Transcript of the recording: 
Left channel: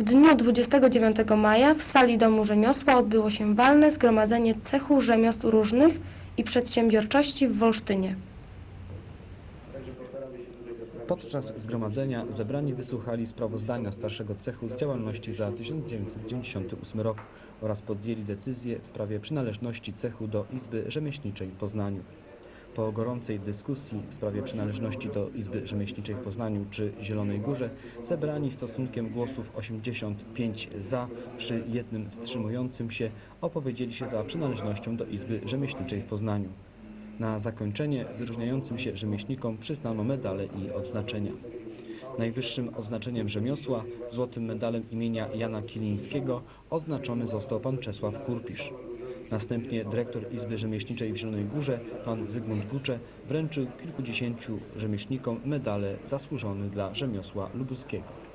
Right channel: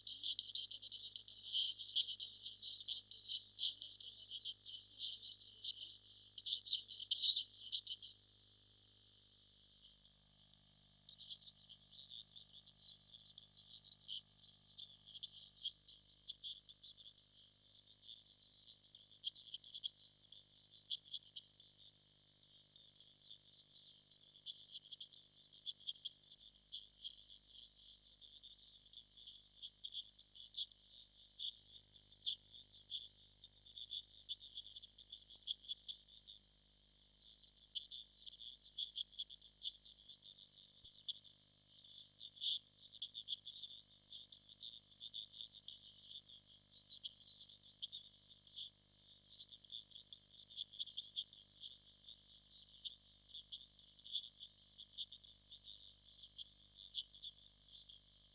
W dniu 29 maja w sali Domu Rzemiosła odbyło się walne zgromadzenie cechu rzemiosł różnych i przedsiębiorczości w Wolsztynie. Podczas zgromadzenia zebrani wysłuchali sprawozdania starszego cechu z działalności za 1998 rok oraz podjęli decyzję w sprawie przynależności cechu do Izby Rzemieślniczej w Poznaniu. Po gorącej dyskusji w sprawie przynależności do Izby Rzemieślniczej w Poznaniu czy Zielonej Górze zebrani stosunkiem głosów 85 za przy jednym wstrzymującym się opowiedzieli się za przynależnością do Izby Rzemieślniczej w Poznaniu. Na zakończenie wyróżniającym się rzemieślnikom przyznano medale i odznaczenia. Najwyższym odznaczeniem rzemiosła, złotym medalem imienia Jana Kilińskiego, odznaczony został pan Czesław Kurpisz. Następnie dyrektor Izby Rzemieślniczej w Zielonej Górze, pan Zygmunt Gucze, wręczył kilkudziesięciu rzemieślnikom medale zasłużone dla rzemiosła lubuskiego.